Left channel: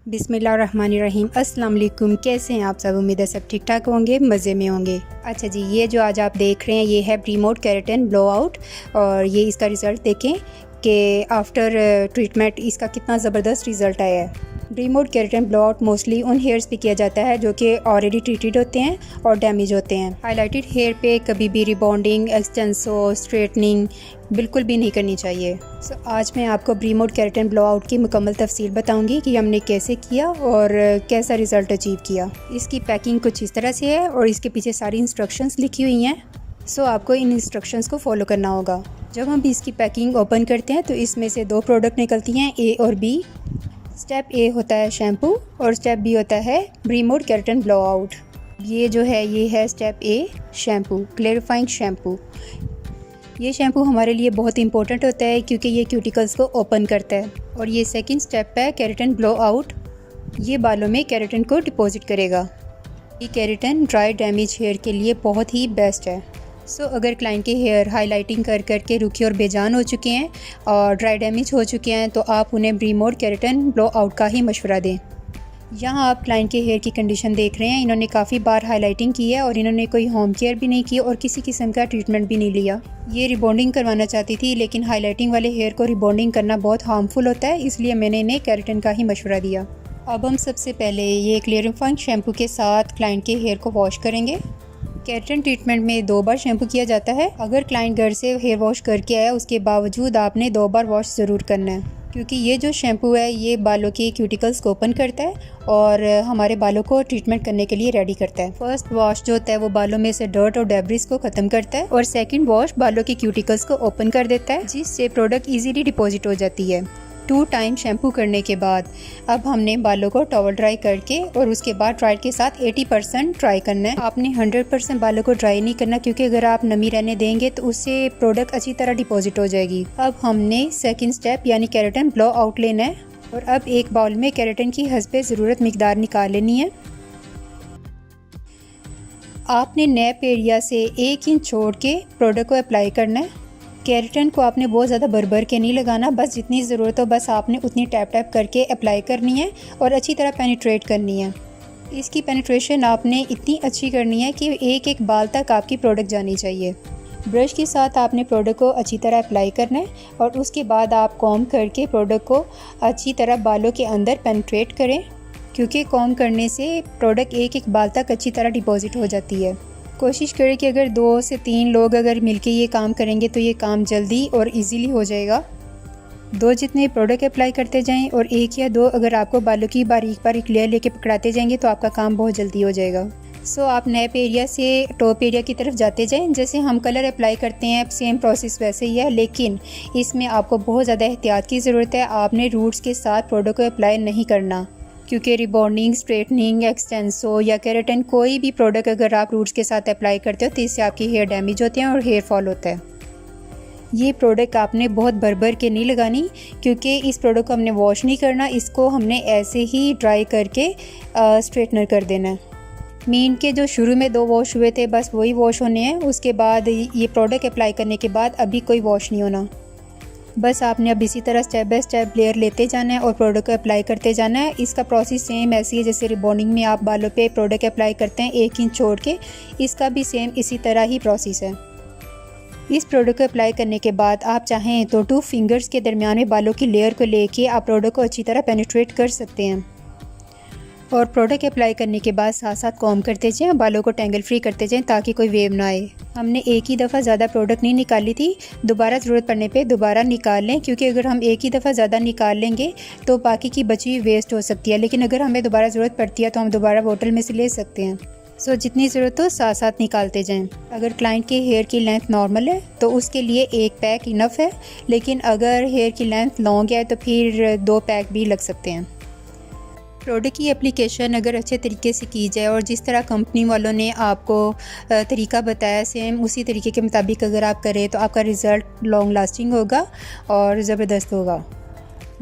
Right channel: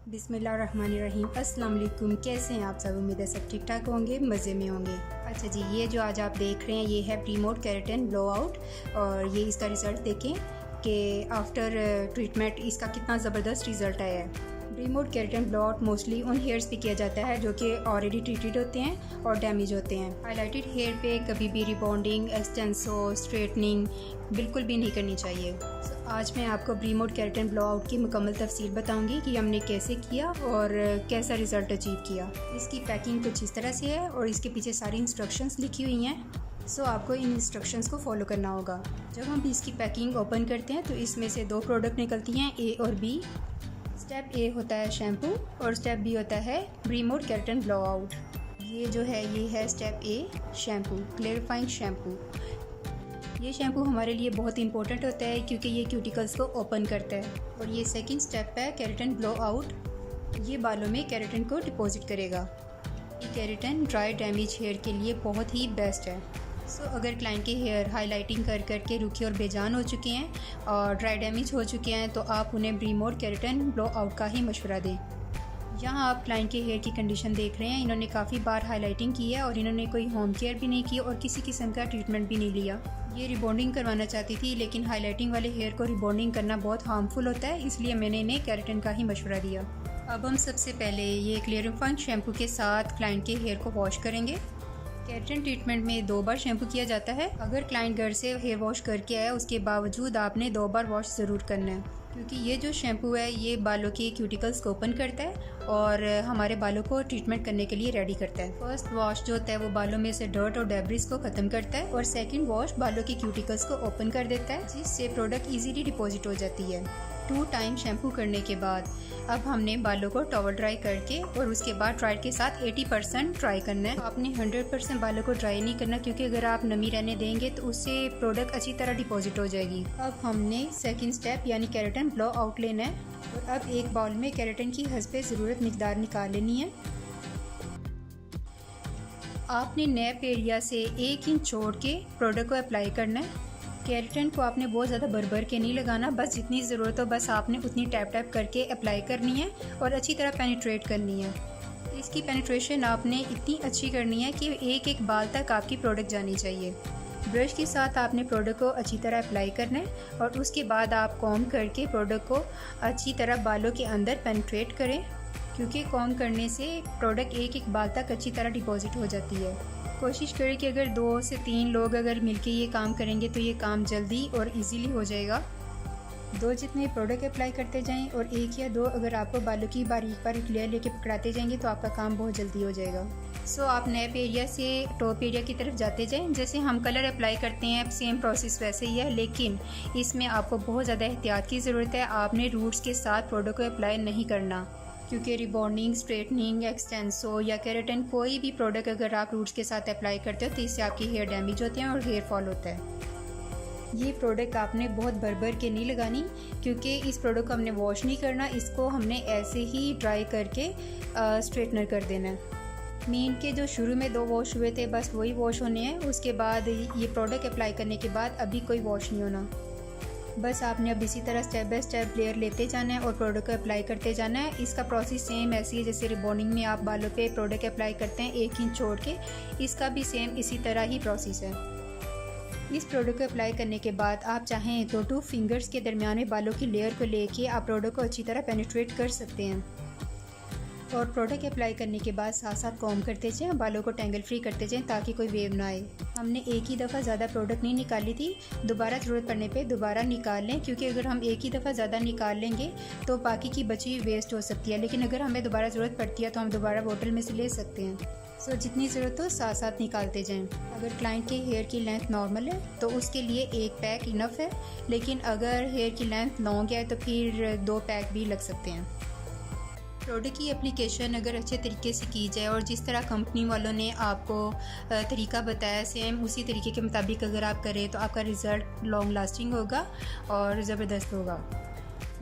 बिस्मिल्लाहिर्रहमानिर्रहीम। अस्सलाम वालेकुम। कैसे हैं आप सब? उम्मीद है सब ठीक ठाक होंगे, मज़े में होंगे। अच्छा जी, ये जो आज आप देख रहे हैं ये है प्रीमोड केराटिन ब्लो आउट, और ये इसका रिज़ल्ट देखें कि आफ्टर ट्रीटमेंट इसका कितना ज़बरदस्त रिज़ल्ट आया है। प्रीमोड केराटिन ब्लो आउट मोस्टली उन हेयर्स पे किया जाता है जो कि ऑलरेडी ट्रीटेड होते हैं और डैमेज होते हैं। हाईलाइटेड हेयर पे कभी भी रिबॉन्डिंग, एक्सटेंसो, स्ट्रेटनिंग बिल्कुल भी नहीं करनी चाहिए। आज मैं आपको प्रीमोड केराटिन ब्लो आउट की मुकम्मल तफसील बताऊंगी कि हमने कैसे किया और कैसा रिज़ल्ट अचीव किया। इसकी पैकिंग कुछ इस तरह से है और इसके पीछे सारी इंस्ट्रक्शंस लिखी हुई हैं। आपको इन इंस्ट्रक्शंस को फॉलो करना होगा। जब हम इसकी पैकिंग ओपन करते हैं तो इसमें से दो प्रोडक्ट निकलती हैं, ए और बी। स्टेप ए होता है शैम्पू और स्टेप बी होता है प्रीमोड केराटिन ब्लो आउट। ये जो है ये है स्टेप ए शैम्पू, क्लैरिफाइंग शैम्पू। ये शैम्पू हमारे लिए बहुत इंपॉर्टेंट होता है क्योंकि ये क्यूटिकल्स को ओपन करता है। और ये सेकंड स्टेप है केराटिन ब्लो आउट। ये बालों में केराटिन को डिपॉजिट करेगा। ये केराटिन ड्राई डैमेज हेयर के लिए बहुत ही बेस्ट है। अगर क्लाइंट के हेयर हाइलाइटिंग कर करके रुखे और बेजान हो चुके हैं और ड्राई डैमेज हो चुके हैं तो आप उन्हें प्रीमोड केराटिन ब्लो आउट का ही मशवरा दें। यहाँ आप क्लाइंट के हेयर की कंडीशन देख रहे हैं। इन्होंने काफ़ी बार हाइलाइटिंग की है और इन्होंने कोई होम केयर भी नहीं की और किसी किस्म का ट्रीटमेंट भी नहीं लिया। ये रिबॉन्डिंग करवाना चाहती थी, लेकिन हाइलाइटिंग वाले हेयर को रिबॉन्डिंग करना बहुत हार्मफुल होता है, इसलिए मैंने इन्हें केराटिन का ही मशवरा दिया। अब हम सबसे पहले ये क्लियरिफाइंग शैम्पू के साथ क्लाइंट के हेयर को वॉश करेंगे। केराटिन ट्रीटमेंट में 2 बार शैम्पू किया जाता है। अगर क्लाइंट घर से हेयर वॉश करके आया उसके बावजूद आपने 2 बार वॉश ज़रूर करना है, क्योंकि ये जो शैम्पू है ये बालों के क्यूटिकल्स को ओपन करता है और हमारे बालों को ट्रीटमेंट करने के लिए रेडी करता है। फर्स्ट वॉश जो होता है वो बालों में से डर्ट और डेब्रिस को ख़त्म करता है और सेकंड वॉश बालों के क्यूटिकल्स को ओपन कर देता है, जिससे प्रोडक्ट इजीली डिपॉजिट हो जाती है। 2 टाइम शैम्पू करने के बाद अब हमने बालों को टॉवल ड्राई करके और उसके बाद ड्रायर के साथ 80% ड्राई करना है। आपने 100% बालों को ड्राई नहीं करना, क्योंकि अगर आप नमी रहने देंगे तो उससे प्रोडक्ट अच्छी तरह डिपॉजिट हो जाएगी। अब हमने सेकंड स्टेप यानी केराटिन ब्लो आउट लेना है और अब एक बाउल में केराटिन की हस्बे ज़रूरत मिकदार निकाल लेनी है। आपने नैप एरिया से 1 इंच छोड़ के प्रोडक्ट को अप्लाई करना है। केराटिन को आपने बहुत ज़्यादा भर के नहीं लगाना, बस जितनी ज़रूरत हो बस आपने उतनी टैप टैप करके अप्लाई करनी है और अच्छी तरह पेनिट्रेट करनी है। इसकी पेनिट्रेशन आपने इतनी अच्छी करनी है कि एक एक बाल तक आपकी प्रोडक्ट जानी चाहिए। ब्रश के साथ आपने प्रोडक्ट को अच्छी तरह अप्लाई करना है और उसके बाद आप कॉम्ब करके प्रोडक्ट को अच्छी तरह बालों के अंदर पेनिट्रेट करें, क्योंकि कॉम्ब करने से प्रोडक्ट एक एक बाल तक अच्छी तरह डिपॉजिट हो जाती है। कोशिश करें कि अगर 2 से 3 लोग अगर मिलके ये काम करेंगे तो ये काम जल्दी और इजीली हो जाएगा। 2 जितने प्रोडक्ट अप्लाई करते जाएं और 1 या 2 अगर आपको बालों की बारीक बारीक लेयर लेके पकड़ाते जाएंगे तो आपका काम बहुत जल्दी हो जाएगा। आप नैप एरिया से टॉप एरिया की तरफ जाते जाएं। जैसे हम कलर अप्लाई करते हैं सेम प्रोसेस वैसे ही है, लेकिन इसमें आपको बहुत ज़्यादा एहतियात की ज़रूरत है। आपने रूट्स के साथ प्रोडक्ट को अप्लाई नहीं करना, क्योंकि रिबॉन्डिंग, स्ट्रेटनिंग, एक्सटेंसो या केराटिन कोई भी प्रोडक्ट अगर आप रूट्स के साथ अप्लाई करते हो तो इससे आपकी हेयर डैमेज होते हैं और हेयर फॉल होता है। ये प्रोडक्ट आपने बहुत भर के नहीं लगानी, क्योंकि इस प्रोडक्ट को हमने वॉश नहीं करना, इसको हमने ऐसे ही ड्राई करके स्ट्रेटनर कर देना है। मीन के जो शुरू में 2 वॉश हुए थे बस वही वॉश होने हैं। उसके बाद ये प्रोडक्ट अप्लाई करने के बाद अभी कोई वॉश नहीं होना। बस आपने अब इसी तरह स्टेप बाय स्टेप लेयर लेते जाना है और प्रोडक्ट को अप्लाई करते जाना है। इसका प्रोसेस सेम ऐसी है जैसे रिबॉन्डिंग में आप बालों पे प्रोडक्ट अप्लाई करते हैं 1 इंच छोड़ के, इसका भी सेम इसी तरह ही प्रोसेस है। इस प्रोडक्ट को अप्लाई करने के बाद आप चाहें तो 2 फिंगर्स के दरमियान में बालों की लेयर को लेके आप प्रोडक्ट को अच्छी तरह पेनिट्रेट कर सकते हैं। और प्रोडक्ट अप्लाई करने के बाद साथ साथ कॉम्ब करते जाएं, बालों को टेंगल फ्री करते जाएं ताकि कोई वेव ना आए। हमने एक ही दफ़ा ज़्यादा प्रोडक्ट नहीं निकाली थी, दोबारा ज़रूरत पड़ने पे दोबारा निकाल लें, क्योंकि अगर हम एक ही दफ़ा ज़्यादा निकाल लेंगे तो बाकी की बची वेस्ट हो सकती है। लेकिन अगर हमें दोबारा ज़रूरत पड़ती है तो हम दोबारा बोतल में से ले सकते हैं। जितनी ज़रूरत हो साथ साथ निकालते जाएं। अगर क्लाइंट के हेयर की लेंथ नॉर्मल है तो उसके लिए 1 पैक इनफ है, लेकिन अगर हेयर की लेंथ लॉन्ग है तो फिर 2 पैक भी लग सकते हैं। प्रोडक्ट की एप्लीकेशन अगर अच्छे तरीके से की जाए और जिस तरह कंपनी वालों ने आपको तरीका बताया सेम उसी तरीके के मुताबिक अगर आप करें तो आपका रिज़ल्ट लॉन्ग लास्टिंग होगा और ज़बरदस्त होगा।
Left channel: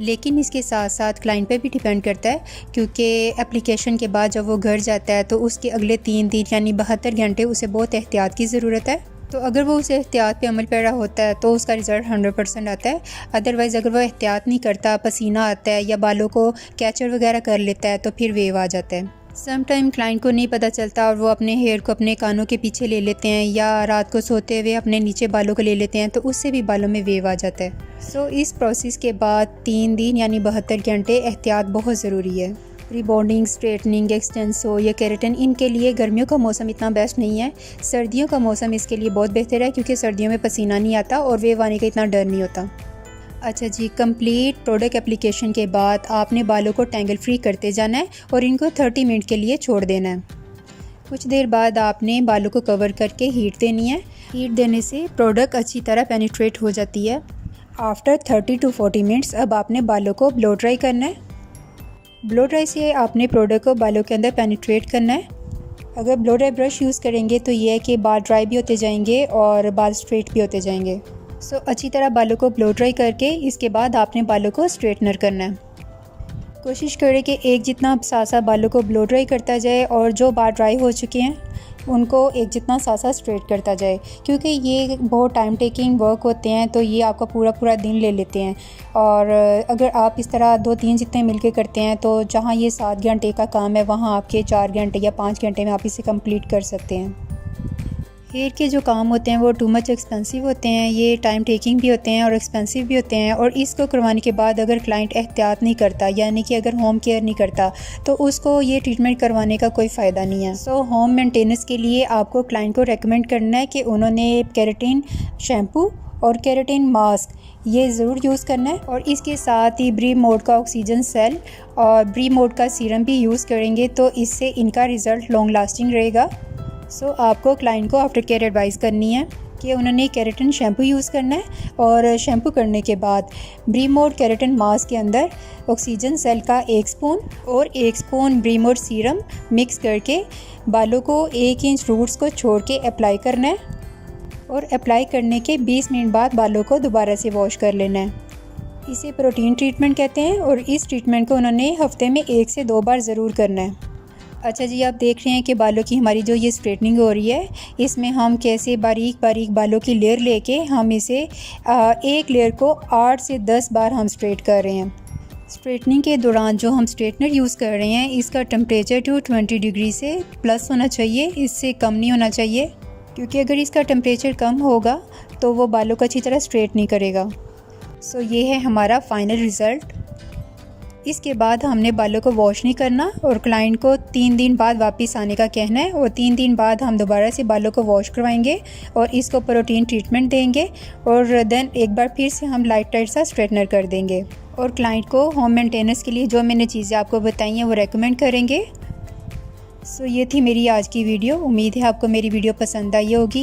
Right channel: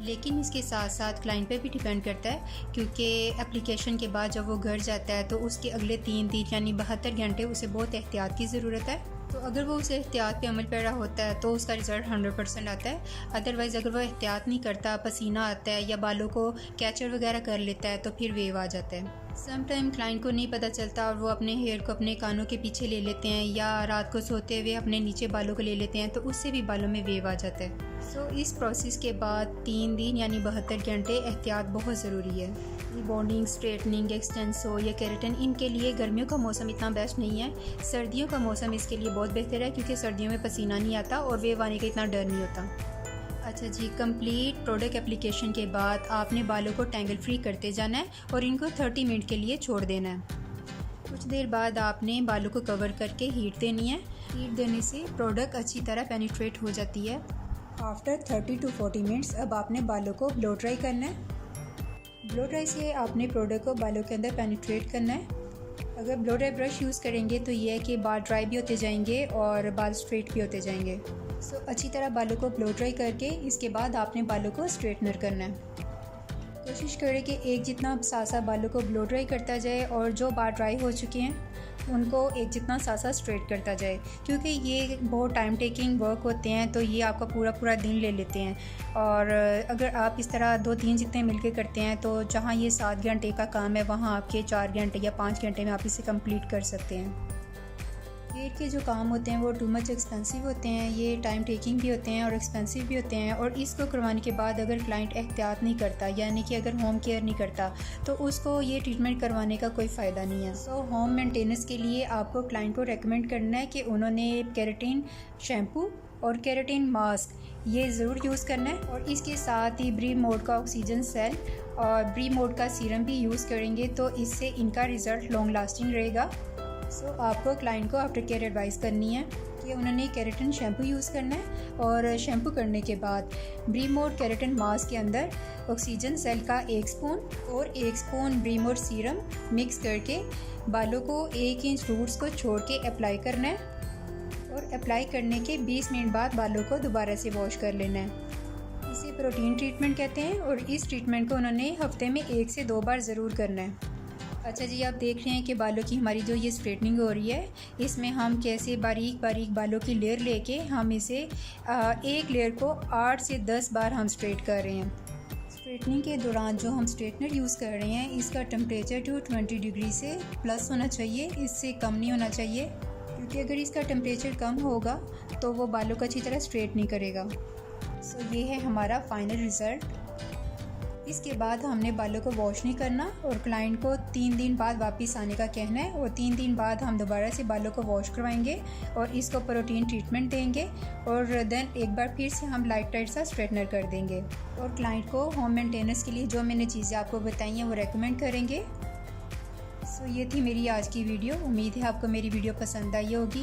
लेकिन इसके साथ साथ क्लाइंट पे भी डिपेंड करता है, क्योंकि एप्लीकेशन के बाद जब वो घर जाता है तो उसके अगले 3 दिन यानी 72 घंटे उसे बहुत एहतियात की ज़रूरत है। तो अगर वो उस एहतियात पे अमल पैरा होता है तो उसका रिज़ल्ट 100% आता है। अदरवाइज़ अगर वो एहतियात नहीं करता, पसीना आता है या बालों को कैचर वगैरह कर लेता है तो फिर वेव आ जाता है। सम टाइम क्लाइंट को नहीं पता चलता और वो अपने हेयर को अपने कानों के पीछे ले लेते हैं या रात को सोते हुए अपने नीचे बालों को ले लेते हैं, तो उससे भी बालों में वेव आ जाता है। सो इस प्रोसेस के बाद 3 दिन यानी 72 घंटे एहतियात बहुत ज़रूरी है। रिबॉन्डिंग, स्ट्रेटनिंग, एक्सटेंसो या केराटिन, इनके लिए गर्मियों का मौसम इतना बेस्ट नहीं है। सर्दियों का मौसम इसके लिए बहुत बेहतर है क्योंकि सर्दियों में पसीना नहीं आता और वेव आने का इतना डर नहीं होता। अच्छा जी, कंप्लीट प्रोडक्ट एप्लीकेशन के बाद आपने बालों को टैंगल फ्री करते जाना है और इनको 30 मिनट के लिए छोड़ देना है। कुछ देर बाद आपने बालों को कवर करके हीट देनी है। हीट देने से प्रोडक्ट अच्छी तरह पेनिट्रेट हो जाती है। आफ्टर 30 to 40 मिनट्स अब आपने बालों को ब्लो ड्राई करना है। ब्लो ड्राई से आपने प्रोडक्ट को बालों के अंदर पेनिट्रेट करना है। अगर ब्लो ड्राई ब्रश यूज़ करेंगे तो ये है कि बाल ड्राई भी होते जाएंगे और बाल स्ट्रेट भी होते जाएंगे। सो अच्छी तरह बालों को ब्लो ड्राई करके इसके बाद आपने बालों को स्ट्रेटनर करना है। कोशिश करें कि एक जितना सासा बालों को ब्लो ड्राई करता जाए और जो बाल ड्राई हो चुके हैं उनको एक जितना सासा स्ट्रेट करता जाए, क्योंकि ये बहुत टाइम टेकिंग वर्क होते हैं तो ये आपका पूरा दिन ले लेते हैं। और अगर आप इस तरह 2-3 जितने मिलके करते हैं तो जहाँ ये 7 घंटे का काम है वहाँ आपके 4 घंटे या 5 घंटे में आप इसे कंप्लीट कर सकते हैं। हेयर के जो काम होते हैं वो टू मच एक्सपेंसिव होते हैं, ये टाइम टेकिंग भी होते हैं और एक्सपेंसिव भी होते हैं। और इसको करवाने के बाद अगर क्लाइंट एहतियात नहीं करता, यानी कि अगर होम केयर नहीं करता, तो उसको ये ट्रीटमेंट करवाने का कोई फ़ायदा नहीं है। सो होम मेंटेनेंस के लिए आपको क्लाइंट को रेकमेंड करना है कि उन्होंने केराटिन शैम्पू और केराटिन मास्क ये ज़रूर यूज़ करना है। और इसके साथ ही ब्री मोड का ऑक्सीजन सेल और ब्री मोड का सीरम भी यूज़ करेंगे तो इससे इनका रिज़ल्ट लॉन्ग लास्टिंग रहेगा। सो आपको क्लाइंट को आफ्टर केयर एडवाइस करनी है कि उन्होंने केराटिन शैम्पू यूज़ करना है और शैम्पू करने के बाद ब्रीमोड केराटिन मास्क के अंदर ऑक्सीजन सेल का 1 स्पून और 1 स्पून ब्रीमोड सीरम मिक्स करके बालों को 1 इंच रूट्स को छोड़ के अप्लाई करना है। और अप्लाई करने के 20 मिनट बाद बालों को दोबारा से वॉश कर लेना है। इसे प्रोटीन ट्रीटमेंट कहते हैं और इस ट्रीटमेंट को उन्होंने हफ्ते में 1 से 2 बार ज़रूर करना है। अच्छा जी, आप देख रहे हैं कि बालों की हमारी जो ये स्ट्रेटनिंग हो रही है, इसमें हम कैसे बारीक बारीक बालों की लेयर लेके हम इसे एक लेयर को 8 से 10 बार हम स्ट्रेट कर रहे हैं। स्ट्रेटनिंग के दौरान जो हम स्ट्रेटनर यूज़ कर रहे हैं इसका टेम्परेचर 220 डिग्री से प्लस होना चाहिए, इससे कम नहीं होना चाहिए, क्योंकि अगर इसका टेम्परेचर कम होगा तो वो बालों को अच्छी तरह स्ट्रेट नहीं करेगा। सो ये है हमारा फाइनल रिज़ल्ट। इसके बाद हमने बालों को वॉश नहीं करना और क्लाइंट को 3 दिन बाद वापस आने का कहना है और 3 दिन बाद हम दोबारा से बालों को वॉश करवाएंगे और इसको प्रोटीन ट्रीटमेंट देंगे और देन एक बार फिर से हम लाइट सा स्ट्रेटनर कर देंगे। और क्लाइंट को होम मेंटेनेंस के लिए जो मैंने चीज़ें आपको बताई हैं वो रेकमेंड करेंगे। सो ये थी मेरी आज की वीडियो। उम्मीद है आपको मेरी वीडियो पसंद आई होगी।